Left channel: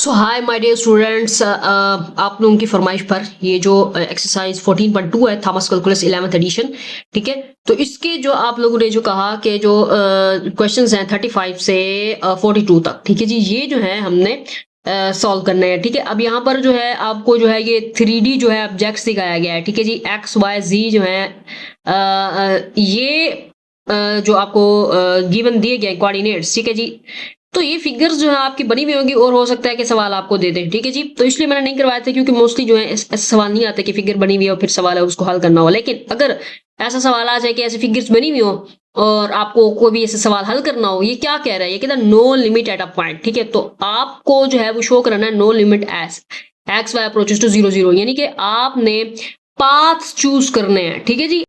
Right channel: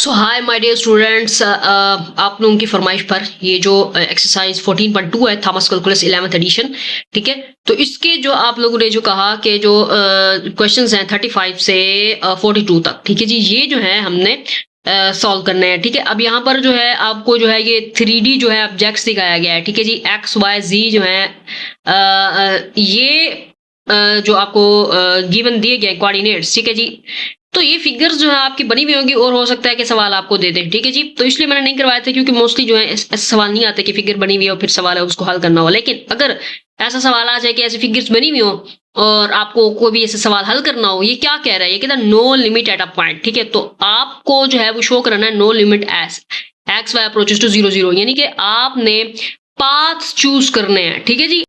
So hi my dear students, आप लोगों की फरमाइश पर ये जो एक्सरसाइज 14.2 है, थॉमस कैलकुलस 11th एडिशन, ठीक है। तो इसके जो आप लोगों ने जो कहा कि जो क्वेश्चंस हैं 35 से 42 तक, ठीक है जी, ये जो है हमने सॉल्व करने हैं, ठीक है। अब यहाँ पर जो है आपको जो है ये 3D जो है ऑब्जेक्ट्स दिखाया गया है, ठीक है जी। एक्स वाई जी जो है ये जो आपको गिवन दिए गए कोऑर्डिनेट्स, ठीक है जी। तो ये फिगर्स जो है आपकी बनी हुई होंगी और हो सकता है कि सवाल आपको दे दें, ठीक है जी। तो इसलिए मैंने नहीं करवाया था क्योंकि मोस्टली जो है ऐसे सवाल नहीं आते कि फिगर बनी हुई है और फिर सवाल है उसको हल करना हो। लेकिन अगर ऐसा सवाल आ जाए कि ऐसी फिगर्स बनी हुई हो और आपको कोई भी ऐसे सवाल हल करना हो, ये क्या कह रहा है, ये कहता है no limit at a point, ठीक है। तो आपको जो है वो शो कराना है no limit as x y approaches to 0 0, यानी कि आपने पाथ चूज करने हैं, ठीक है जी।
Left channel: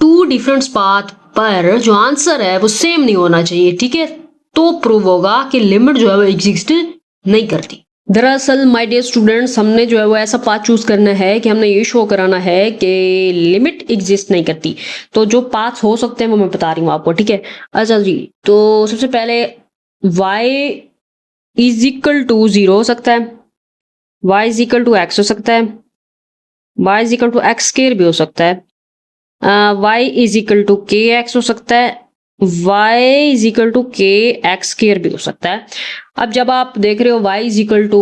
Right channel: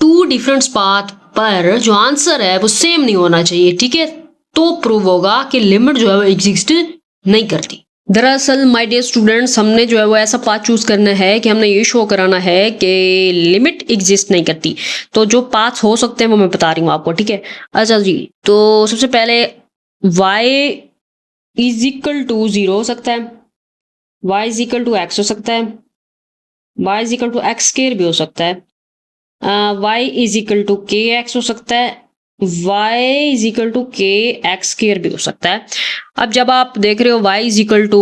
टू डिफरेंट पाथ पर जो आंसर है वो सेम नहीं होना चाहिए, ठीक है। तो प्रूव होगा कि लिमिट जो है वो एग्जिस्ट नहीं करती। दरअसल माय डियर स्टूडेंट्स, हमने जो है वो ऐसा पाथ चूज करना है कि हमने ये शो कराना है कि लिमिट एग्जिस्ट नहीं करती। तो जो पाथ हो सकते हैं वो मैं बता रही हूँ आपको, ठीक है। अच्छा जी, तो सबसे पहले y इज इक्वल टू 0 हो सकता है, y is equal to x हो सकता है, y is equal to x square भी हो सकता है, y is equal to k x हो सकता है, y is equal to k x square भी हो सकता है। अब जब आप देख रहे हो y is equal to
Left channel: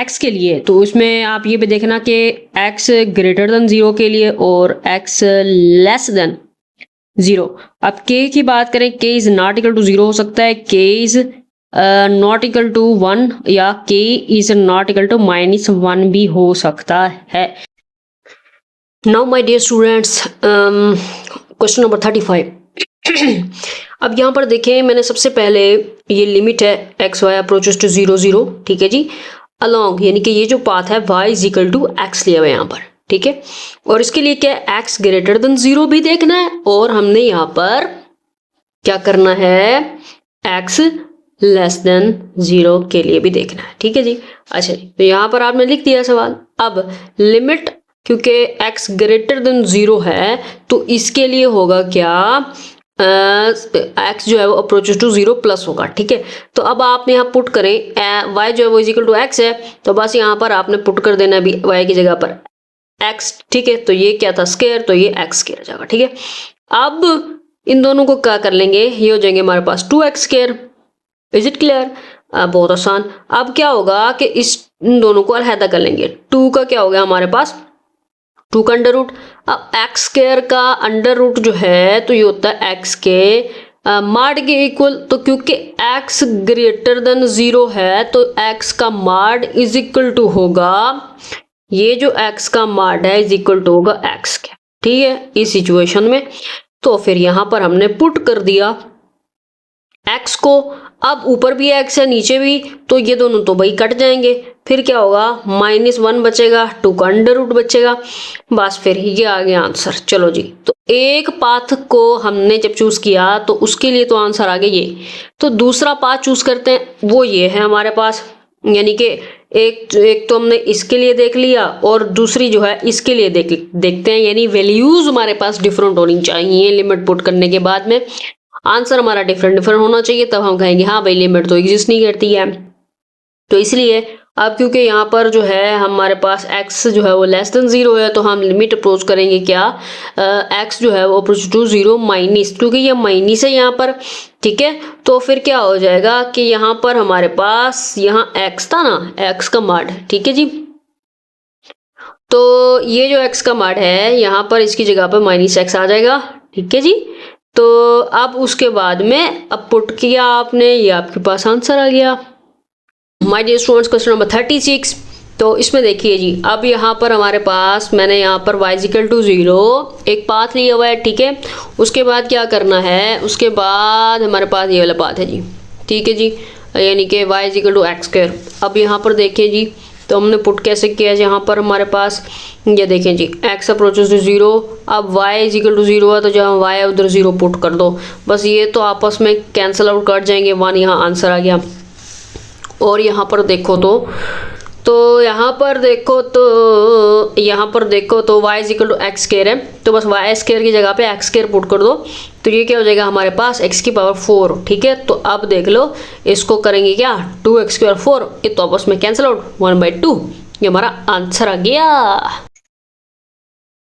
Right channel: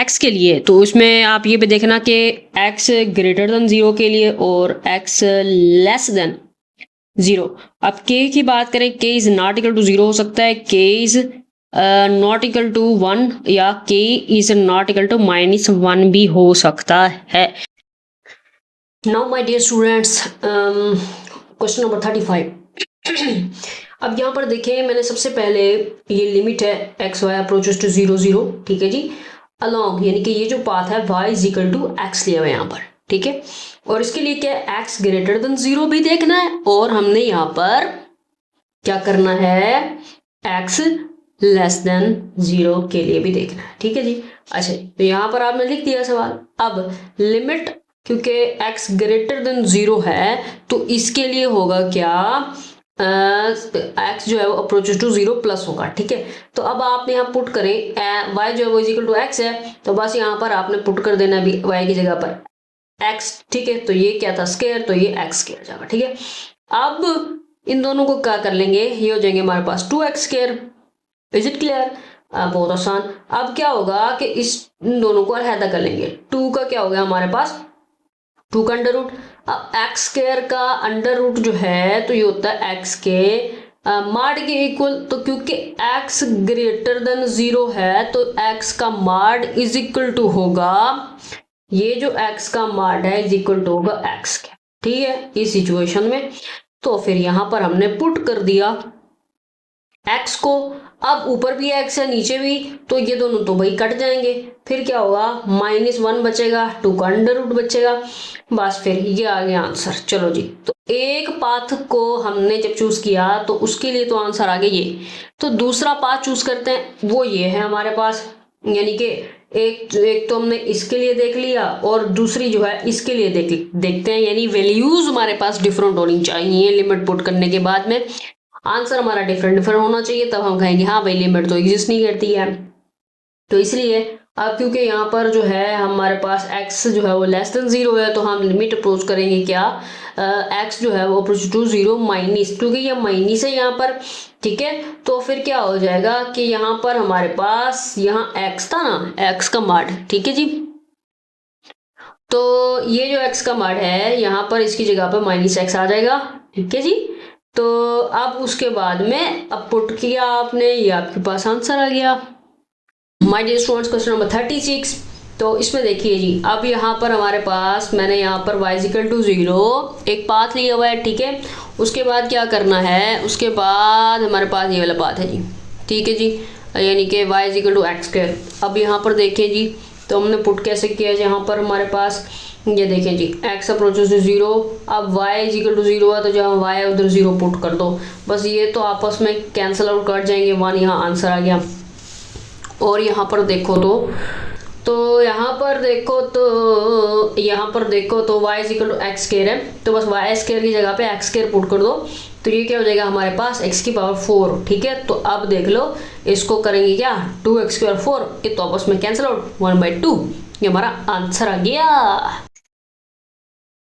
x के लिए, तो उसमें आप ये भी देखना कि x ग्रेटर देन 0 के लिए और x लेस देन 0। अब k की बात करें, k is not equal to 0 हो सकता है, k is not equal to 1 या k is not equal to -1 भी हो सकता है। Now my dear students, question number 35। अब यहाँ पर देखें, मैंने सबसे पहले ये लिमिट है एक्स वाई अप्रोचेस टू 0 0, ठीक है जी, अलोंग, यानी कि ये जो पाथ है y is equal to x लिया हुआ है यहाँ पर, ठीक है। और इसके लिए क्या है, एक्स ग्रेटर देन 0 भी देखना है और हमने यहाँ पर क्या करना है, एक्स लेस देन 0 के लिए भी देखना है, ठीक है जी। अच्छा जी, तो यहाँ पर आपने लिख दिया सवाल। अब लिमिट, क्योंकि x ग्रेटर देन 0 है तो इसके लिए होगा क्या, x जो है वो अप्रोचेस टू 0 प्लस होगा, ठीक है। तो अब आप यहाँ पुट करें, y जो है वो इज इक्वल टू एक्स है, तो बस यहाँ पर आपने पुट कर देना है y की जगह पर x, ठीक है। तो ये क्या था, स्क्वायर, तो ये x स्क्वायर जाएगा, ठीक है। अब इन दोनों को क्या कर लेंगे, ये हो जाएंगे हमारे पास 2x square. Is it clear? बहुत आसान। अब क्या होगा कि इन दोनों को अलहदा कर लेंगे। 2 का क्या हो गया हमारे पास, 2 का अंडर रूट। अब एक्स स्क्वायर का अंडर रूट जो है तो ये होता है एक्स के माड के इक्वल। तो क्योंकि एक्स ग्रेटर देन 0 है तो एक्स का माड इज इक्वल टू होगा, ये जो एक्स का माड है इज इक्वल टू होगा एक्स के, ठीक है, इस सिचुएशन में। तो फिर यहां पर हमने पुट कर दिया एक्स को। अब ऊपर भी एक्स है नीचे भी, तो ये दोनों तो भाई कट जाएंगे। फिर क्या होगा, -1 बचेगा, 2 का अंडर रूट बचेगा, बस फिर ये आ गया आंसर। चलो जी, तो एक पाथ को हमने जब चूज किया तो उसके लिए तो आंसर आ गया ये। तो दूसरा पाथ चूज करते हैं, वो ये है हमारे पास, यानी कि एक तो हमने इसके लिए देख लिया और दूसरी जो है इसके लिए देखते हैं, यानी वैल्यूज हमारे पास डिफरेंट होनी चाहिए लिमिट पुट करने के बाद में। आंसर हमारा डिफरेंट होना चाहिए, तब हम कहेंगे हाँ भाई लिमिट तो एग्जिस्ट नहीं करती है। तो इसलिए अब क्योंकि यहाँ पर जो है हमारे पास x जो है वो लेस देन 0 है, तो हम लिमिट अप्रोच करेंगे क्या, x जो है वो अप्रोच टू 0 माइनस, क्योंकि ये माइनस है यहाँ पर, ठीक है। तो फिर क्या हो जाएगा कि यहाँ पर हमारे पास यहाँ x था ना, x का माड, ठीक है जी। तो ये जो x का माड है यहाँ पर इसकी जगह पर -x आ जाएगा, ठीक है जी। तो अब उसके बाद में अब पुट किया आपने, ये आपके पास आंसर आ गया। My dear students, question number 36। तो इसमें देखिए जी, अब यहाँ पर हमारे पास मैंने यहाँ पर y इक्वल टू 0 एक पाथ लिया हुआ है, ठीक है। उसके बाद क्या करना है, उसके बाद हमारे पास ये वाला पाथ है जी, ठीक है जी, यानी कि y equal to x square. अब यहाँ पर देखिए जी, तो हमने पुट कैसे किया, यहाँ पर हमारे पास ये देखें जी, x अप्रोचेस टू 0, अब y इक्वल टू 0 है तो जहाँ y है उधर 0 पुट कर दो, बस ये तो आपस में कैंसिल आउट कर जाएंगे, 1 यहाँ आंसर आ गया। और यहाँ पर देखो तो यहाँ पर देखो तो y equal to x square है, तो बस y स्क्वायर की जगह पे एक्स स्क्वायर पुट कर दो, तो ये क्या हो जाएगा हमारे पास x की पावर 4, ठीक है। तो अब देख लो इसको करेंगे क्या, 2x की पावर 4, ये तो आपस में कैंसिल आउट, 1/2, ये हमारा आंसर आ गया।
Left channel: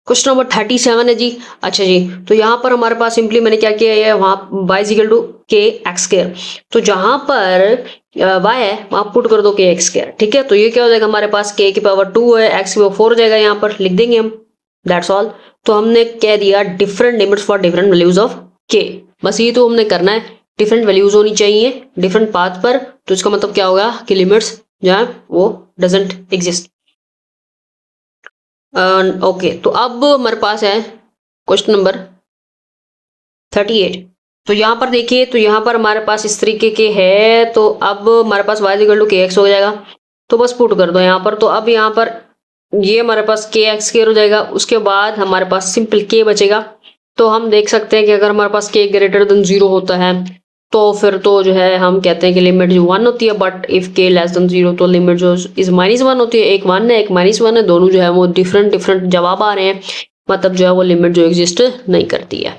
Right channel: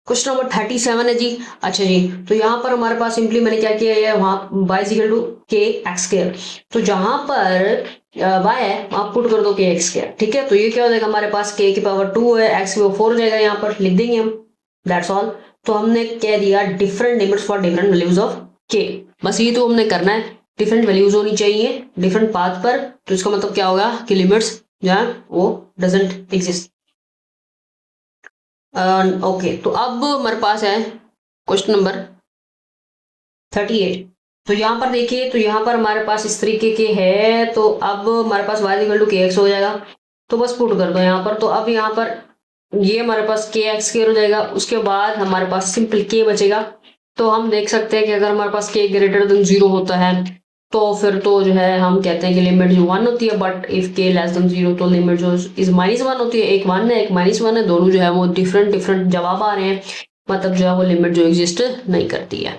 क्वेश्चन नंबर 37 है जी। अच्छा जी, तो यहाँ पर हमारे पास सिंपली मैंने क्या किया है, वहां y equal to k x square, तो जहां पर y है वहां पुट कर दो के एक्स स्क्वायर, ठीक है। तो ये क्या हो जाएगा हमारे पास k की पावर 2 है, x की पावर 4 हो जाएगा, यहाँ पर लिख देंगे हम, दैट्स ऑल। तो हमने कह दिया different limits for different values of k, बस ये तो हमने करना है, डिफरेंट वैल्यूज होनी चाहिए डिफरेंट पाथ पर। तो इसका मतलब क्या होगा कि लिमिट्स जो है वो डजंट एग्जिस्ट। ओके, तो अब हमारे पास है क्वेश्चन नंबर 38। तो यहाँ पर देखिए, तो यहाँ पर हमारे पास इस तरीके के है, तो अब हमारे पास y equal to k x हो जाएगा, तो बस पुट कर दो यहाँ पर। तो अब यहाँ पर ये हमारे पास के एक्स स्क्वायर हो जाएगा, उसके बाद हमारे पास सिंपल के बचेगा। तो हम देख सकते हैं कि अगर हमारे पास के ग्रेटर देन 0 होता है तो फिर तो जो है हम कहते हैं कि लिमिट जो 1 होती है, बट इफ के लेस देन 0 तो लिमिट जो इज -1 होती है। एक 1 है एक -1 है, दोनों जो है वो डिफरेंट डिफरेंट जवाब आ रहे हैं, मतलब जो है वो लिमिट जो एग्जिस्ट नहीं करती है।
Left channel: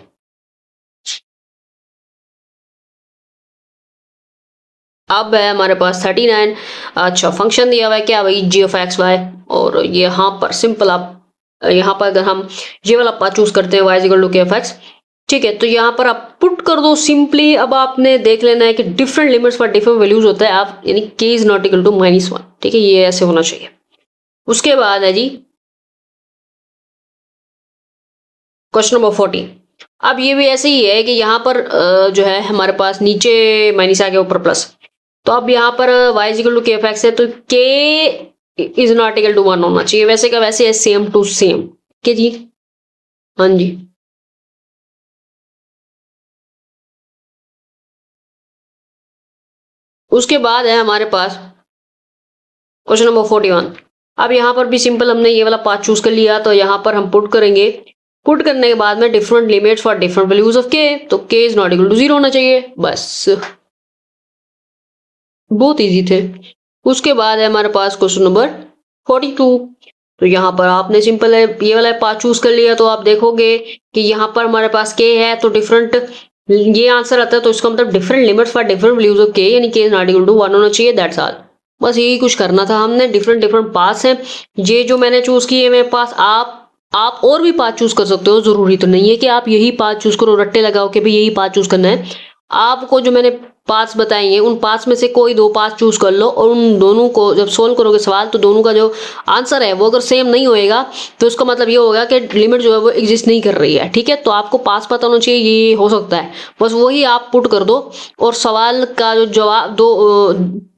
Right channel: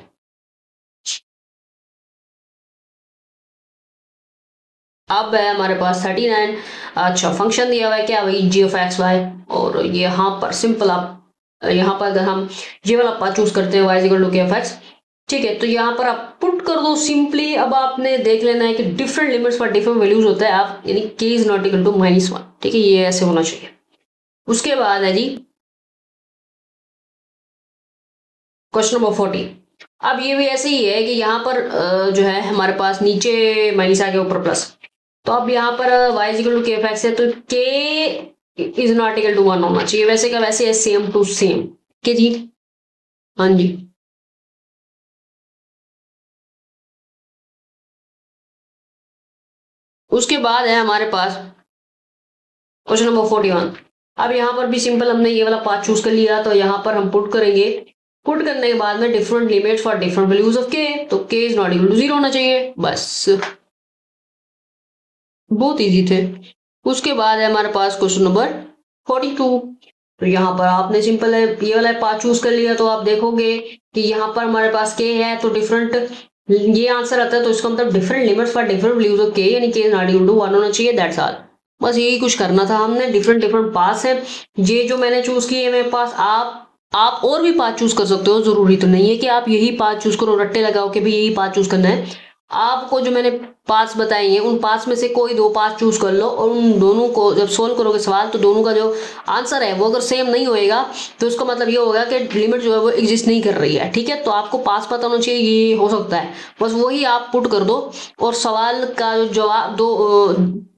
अब है हमारे पास 39। अच्छा, फंक्शन दिया हुआ है क्या भाई, जी ऑफ एक्स वाई, और यहाँ पर सिंपल आप यहाँ पर अगर हम ये वाला पाथ चूज करते हैं, वाई इक्वल टू के ऑफ एक्स, ठीक है। तो यहाँ पर आप पुट कर दो सिंपली। अब आपने देख लेना है कि डिफरेंट लिमिट्स पर डिफरेंट वैल्यूज होता है, आप यानी के इज नॉट इक्वल टू -1, ठीक है, ये ऐसे होना चाहिए। उसके बाद है जी क्वेश्चन नंबर 40। अब ये भी ऐसे ही है कि यहाँ पर जो है हमारे पास नीचे माइनस आ गया, ऊपर प्लस। तो अब यहाँ पर y equal to k f x है, तो k is not equal to 1 होना चाहिए, वैसे का वैसे है, सेम टू सेम, ठीक जी। हाँ जी, उसके बाद है हमारे पास क्वेश्चन नंबर 41। अब यहाँ पर भी सिंपल हमने ये वाला पाथ चूज कर लिया, तो यहाँ पर हम पुट करेंगे, पुट करने के बाद में different limits for different values of k, तो k is not equal to 0 होना चाहिए, बस बहुत इजी थे। उसके बाद है हमारे पास क्वेश्चन नंबर 42। तो यहाँ पर आपने सिंपल है ये वाला पाथ चूज कर लिया, तो आप देखोगे कि यहाँ पर हमारे पास के है, तो डिफरेंट ये आंसर आता है, तो इसका मतलब different limits for different values of के, यानी के इज नॉट इक्वल टू 1 होना चाहिए, दैट्स ऑल। बस यही कुछ करना था हमने, डिफरेंट डिफरेंट पाथ्स हैं ये जो मैंने चूज किए मेरे पास। आप और भी पाथ चूज कर सकते हो, जरूरी तो नहीं है कि आप यही पाथ चूज करो, रट्टे लगाओ कि भाई यही पाथ चूज करना है। आपको जो मैंने पाथ्स बताए हैं उन पाथ्स में से कोई दो पाथ चूज कर लो, और उन दोनों को जब सोल्व करोगे सवाल, तो दोनों का जो आंसर है वो अगर सेम नहीं होएगा तो उसका मतलब ये होगा कि लिमिट जो है वो एग्जिस्ट नहीं कर रही है, ठीक है। तो आपको पास पता होना चाहिए, ये हो सकता है, बस वही आप पुट कर दो, और सवाल का जो जवाब दो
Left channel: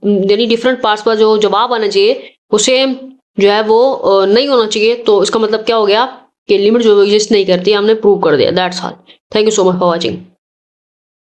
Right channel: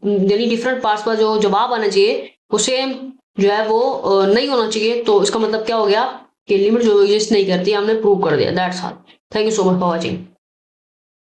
यानी डिफरेंट पार्ट्स पर जो जवाब आना चाहिए वो सेम जो है वो नहीं होना चाहिए। तो इसका मतलब क्या हो गया कि लिमिट जो एग्जिस्ट नहीं करती, हमने प्रूव कर दिया, that's all. Thank you so much for watching.